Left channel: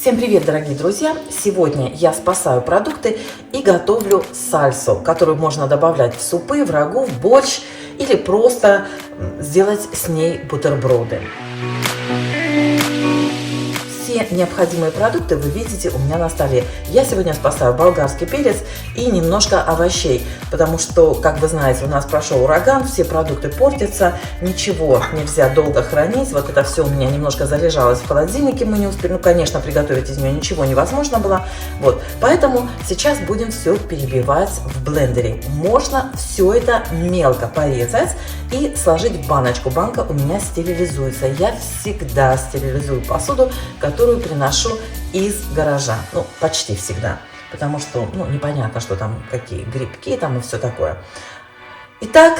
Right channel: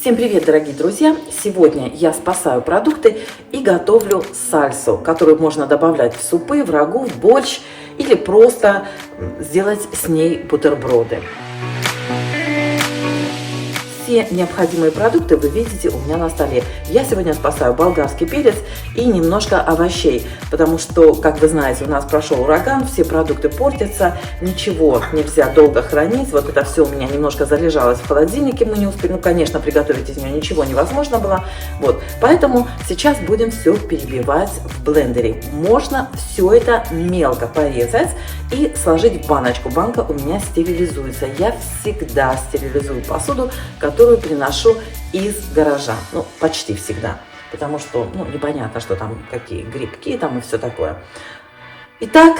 Всем привет, дорогие друзья! Сегодня я спасаю продукты и готовлю сальсу, которую можно добавлять в супы, в рагу, в борщ или просто сделать с ней бутерброды. Все необходимые продукты вы видите у меня на столе. Я сегодня спасаю болгарский перец и немножко овощей, потому что, как вы знаете, у нас прошел ураган, все продукты портятся, ничего нельзя долго хранить. Вот это все у меня немножко залежалось в холодильнике, мы не успели, ну, конечно, приготовить из нее ничего невозможно было. Вот, поэтому сейчас будем все перебивать в блендере. Можно все это мелко порезать и сложить в баночку. Банка у меня стерилизуется. Я всегда стерилизую посуду, которую приношу из гаража. Ну, почти всегда. Потому что, непонятно, что там, какие грибки там и все такое. Итак,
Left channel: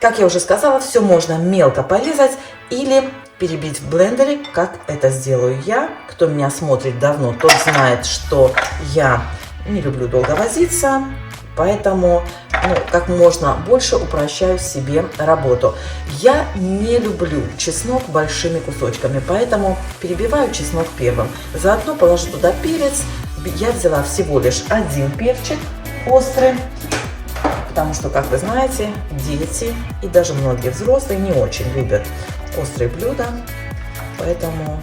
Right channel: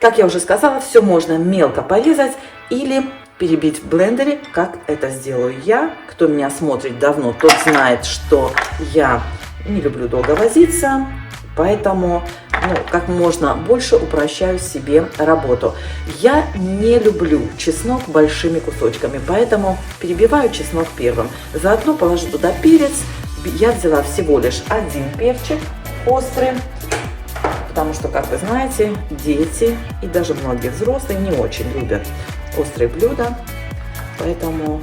как я уже сказала, все можно мелко порезать или перебить в блендере, как это сделаю я. Кто меня смотрит давно, тот знает, что я не люблю долго возиться. Поэтому как можно больше упрощаю себе работу. Я не люблю чеснок большими кусочками, поэтому перебиваю чеснок первым. Заодно положу туда перец. Я взяла всего лишь один перчик острый, потому что, как вы знаете, дети и даже многие взрослые не очень любят острые блюда. Поэтому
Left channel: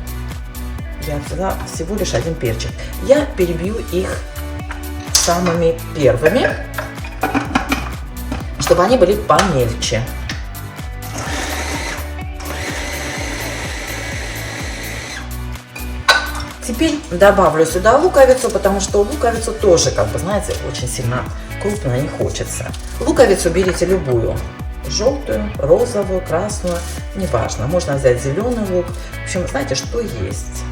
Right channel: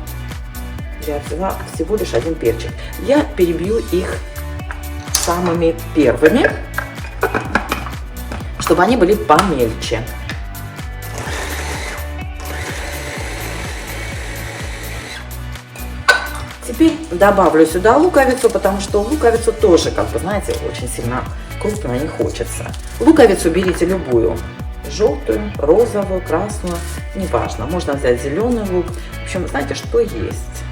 я взяла всего лишь один перчик. Я перебью их самыми первыми, чтобы они были помельче. Теперь добавлю сюда луковицу, потому что луковицу тоже, как вы знаете, очень сильно крупно не хочется. Луковицу берите любую. Желтую, розовую, красную, неважно. Можно взять зеленый лук. В общем, знаете, что есть.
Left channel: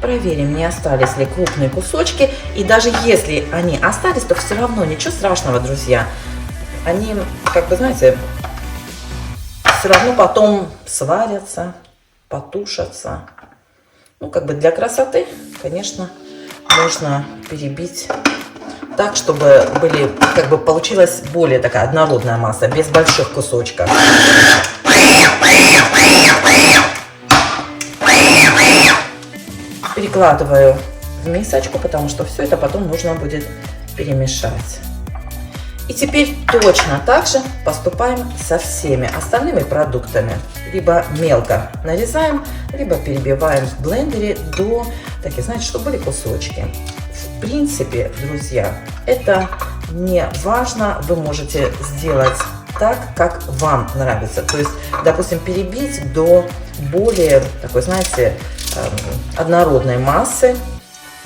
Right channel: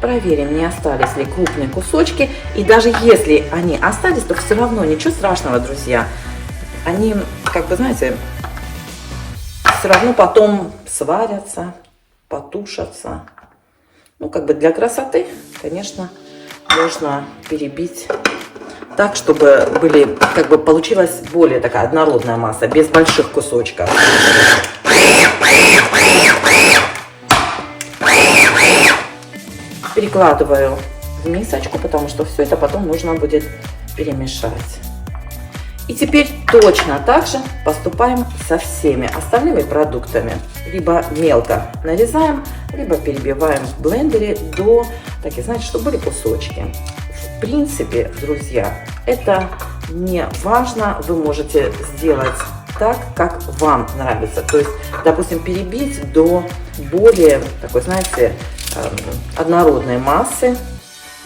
Проверим, не остались ли крупные кусочки. И даже если они остались, то все равно ничего страшного, друзья. Они, как вы знаете, все равно потом сварятся, потушатся. Как бы для красоты, конечно, можно перебить так, чтобы получилась более такая однородная масса, без больших кусочков. Перекладываю в мисочку, потому что все это потом нужно будет перемешать. И теперь точно так же поступаем со всеми остальными продуктами. Либо мелко нарезаем, либо перебиваем в блендере до, такие, знаете, чтобы были кусочки. В принципе, друзья, это не важно. Вы можете сделать так, как вам нравится. То есть, допустим, перебить до более такой, знаете, однородной массы,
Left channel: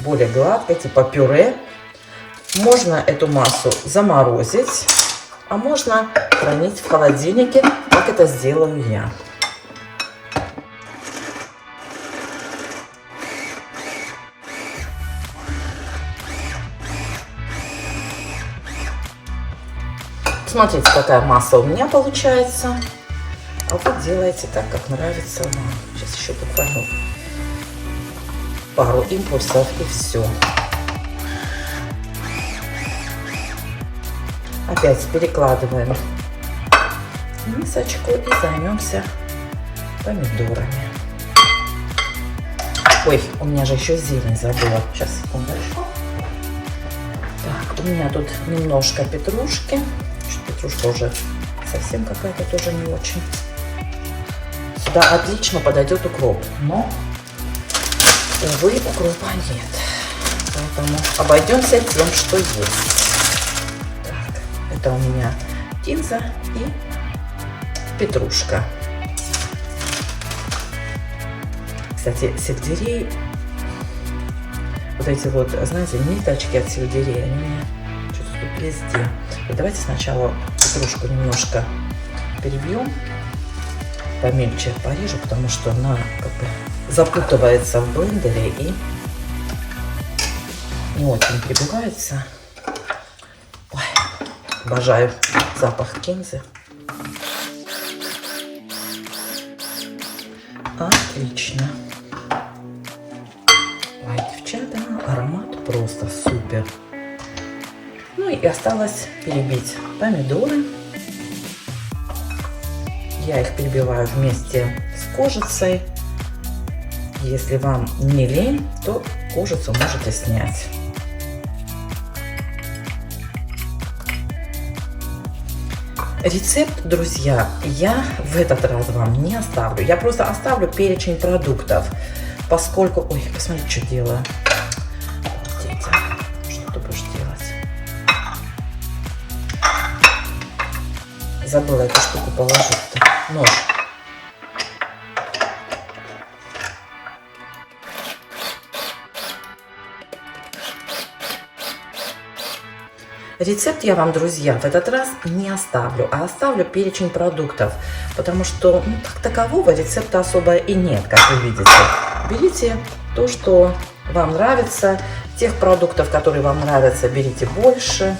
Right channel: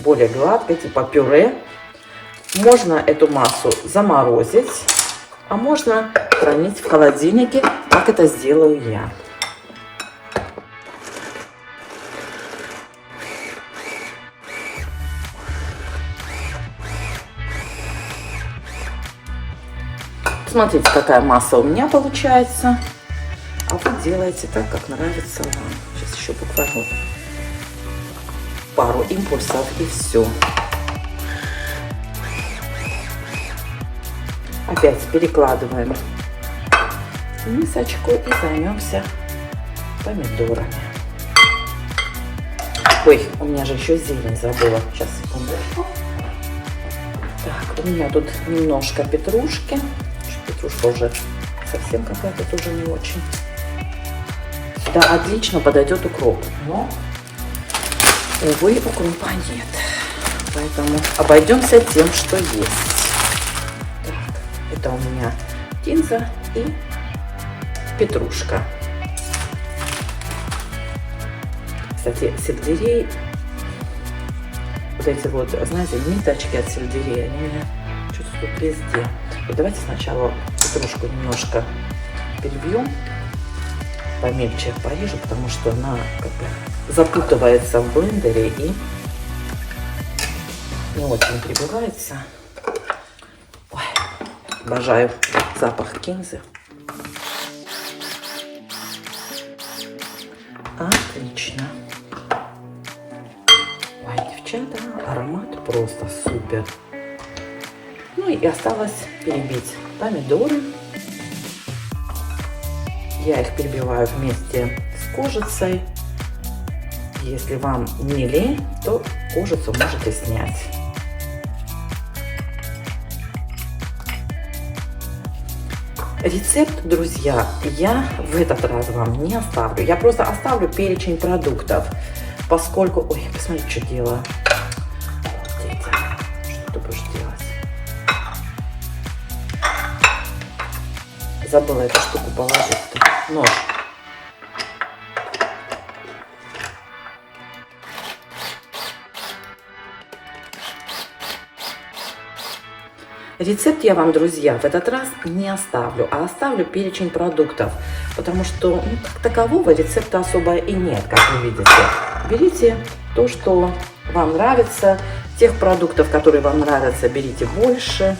более гладкой, типа пюре. Можно эту массу заморозить, а можно хранить в холодильнике, как это сделаю я. Смотрите, какая масса у меня получается. А вы делаете так, как нравится вам. Сейчас еще покажу. Пару импульсов и все. Опять перекладываем в мисочку и займемся помидорами. Ой, у меня же еще зелень забыла. Сейчас, секундочку. Так, у меня тут немножко петрушки. Петрушка уже совсем какая-то тоже не очень. Сюда отлично подойдет укроп, но, увы, укропа нет. Поэтому обойдемся тем, что есть. Это у меня кинза и петрушка. Кстати, сельдерей, вот эти вот, знаете, ниточки от сельдерея, они что-то тут везде. И давайте сначала петрушку немножко перебьем, помельче порежу, потому что она как бы запутывается в блендере и не очень прибивается. Обожаю запах кинзы. Отлично. Ой, девчата, аромат просто супер. Ну и осталось перебить помидоры Я их перебиваю вместе с кожицей. Если вам не лень, то кожицу можете снять. Рецепт, друзья, я в этот раз вам не оставлю. Я просто оставлю перечень продуктов, поскольку... Ой, посмотрите, что делаю. Дети, что ты будешь делать? Забыла эту штуку положить-то. Нож. Рецепт я вам, друзья, в этот раз не оставлю, а оставлю перечень продуктов, потому что как такового рецепта особо и нет, как вы видите. Берите то, что вам нравится, тех продуктов, которые вам нравятся, берите больше.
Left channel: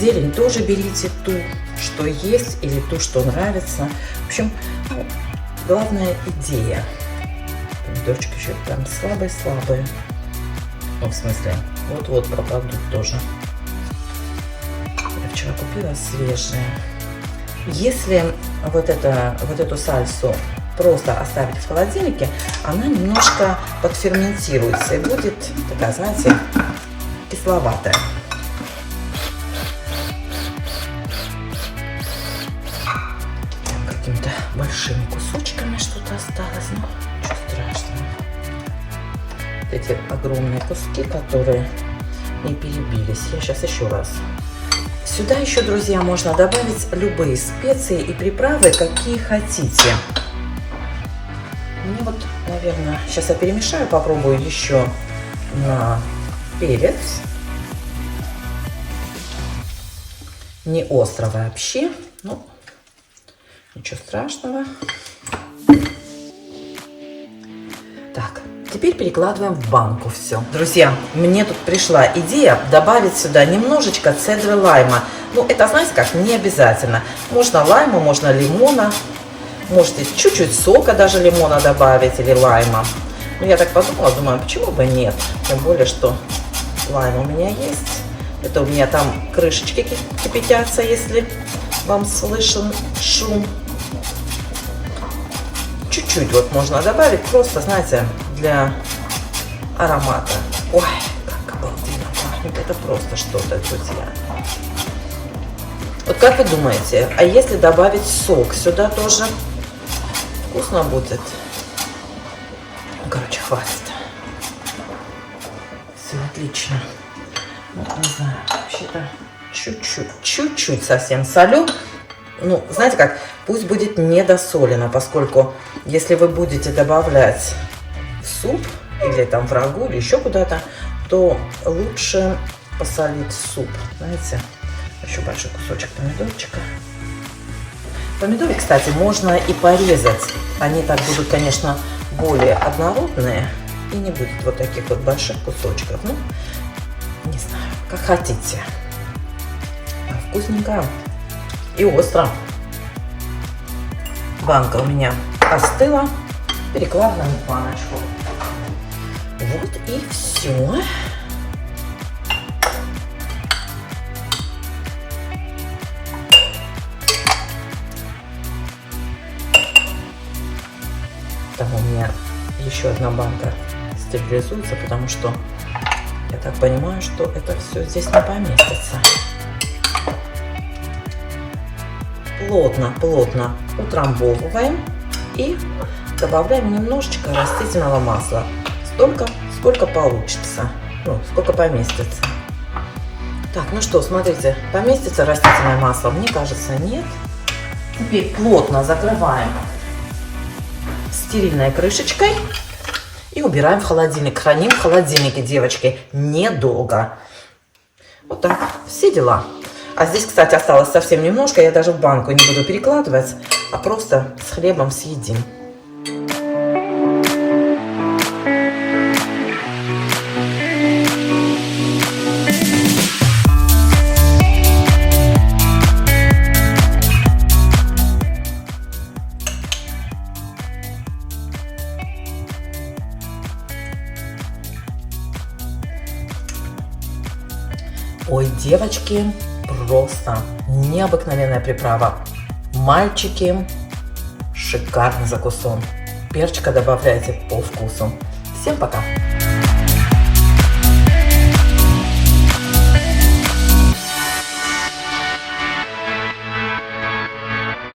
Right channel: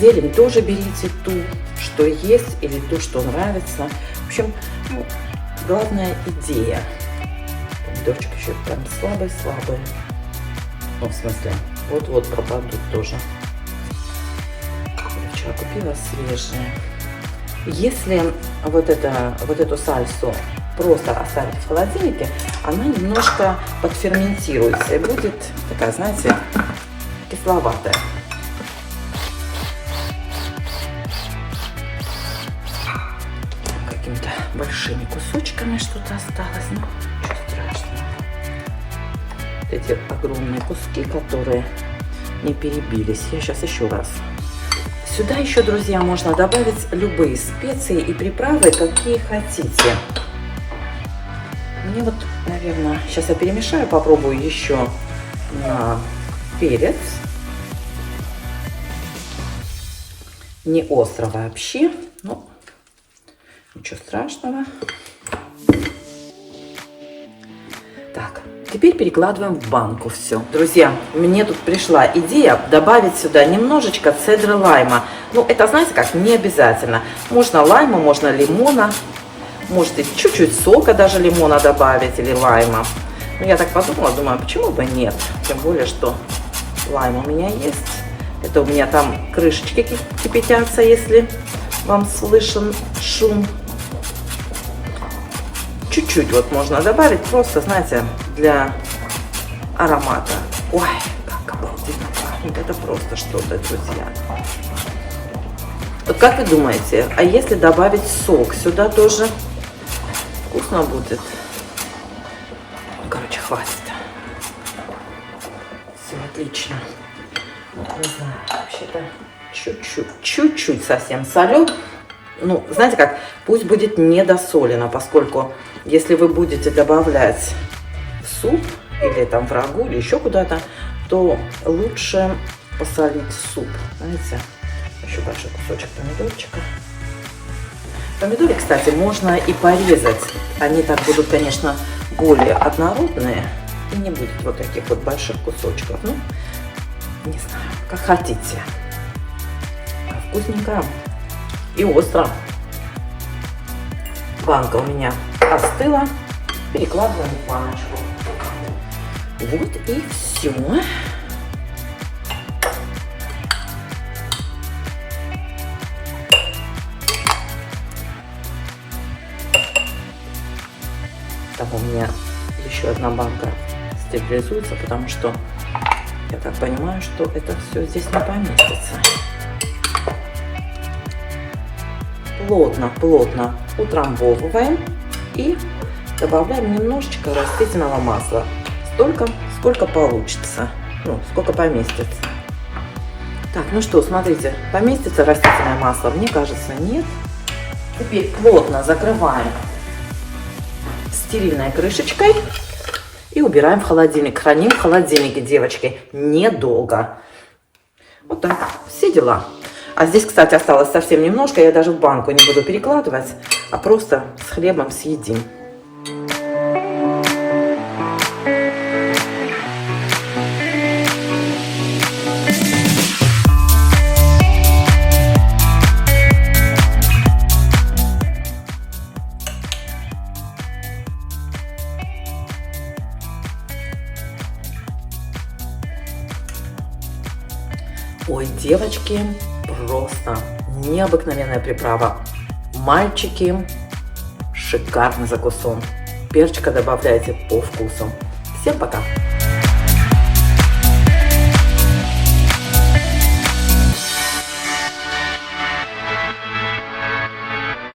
Зелень тоже берите ту, что есть, или ту, что нравится. В общем, главная идея. Помидорчик еще прям слабые. Ну, в смысле, вот пропадут тоже. Я вчера купила свежие. Если вот эту сальсу просто оставить в холодильнике, она немножко подферментируется и будет такая, знаете, кисловатая. Какими-то большими кусочками что-то осталось. Ну, ничего страшного. Эти огромные куски, которые не перебились. Я сейчас еще раз. Сюда еще, друзья, можно добавить любые специи и приправы, какие хотите. Мне вот, наверное, сейчас я перемешаю, попробую еще на перец. Не остро вообще, но ничего страшного. Так, теперь перекладываем в банку все. Друзья, мне тут пришла идея добавить сюда немножечко цедры лайма. Ну, это, знаете как, не обязательно. Можно лайма, можно лимона. Можете чуть-чуть сока даже лимона добавить или лайма. Ну, я так подумала, думаю, почему бы нет. Тем более, что лайм у меня есть. Это у меня там крышечки кипятятся, если вам слышен шум. Чуть-чуть вот можно добавить, просто, знаете, для аромата. Ой, как обалденно пахнет, это просто что-то, друзья. Вот как вы думаете, а если добавить сок сюда тоже, вкусно будет? Короче, хватит. Все отлично. Вот, не знаю, вообще-то чуть-чуть совсем солю. Ну, знаете как, пусть будет недосолено, поскольку если вы будете добавлять в суп или там в рагу или еще куда-то, то лучше посолить суп. Знаете, еще большой кусочек помидорчика. Помидоры, кстати, можно и порезать. Они так будут, конечно, более однородные и не будет вот таких вот больших кусочков. Ну, не знаю, как хотите. Вкусненько. И остро. Банка у меня остыла. Перекладываем в баночку. Вот и все. Там у меня еще одна банка стерилизуется, потому что я так понимаю, что это все здесь не поместится. Плотно утрамбовываем и добавляем немножечко растительного масла. Столько, сколько получится, ну, сколько поместится. Так, ну что, смотрите, поместится растительное масло? Мне кажется, нет. Теперь плотно закрываем стерильной крышечкой и убираем в холодильник. Храним в холодильнике, девочки, недолго. Вот так, все дела. А здесь, кстати, осталось совсем немножко. Я даже в банку не буду перекладывать, а просто с хлебом съедим. Ой, девочки, просто необыкновенная приправа. Мальчики, шикарный закусон. Перчика добавляйте по вкусу. Всем пока!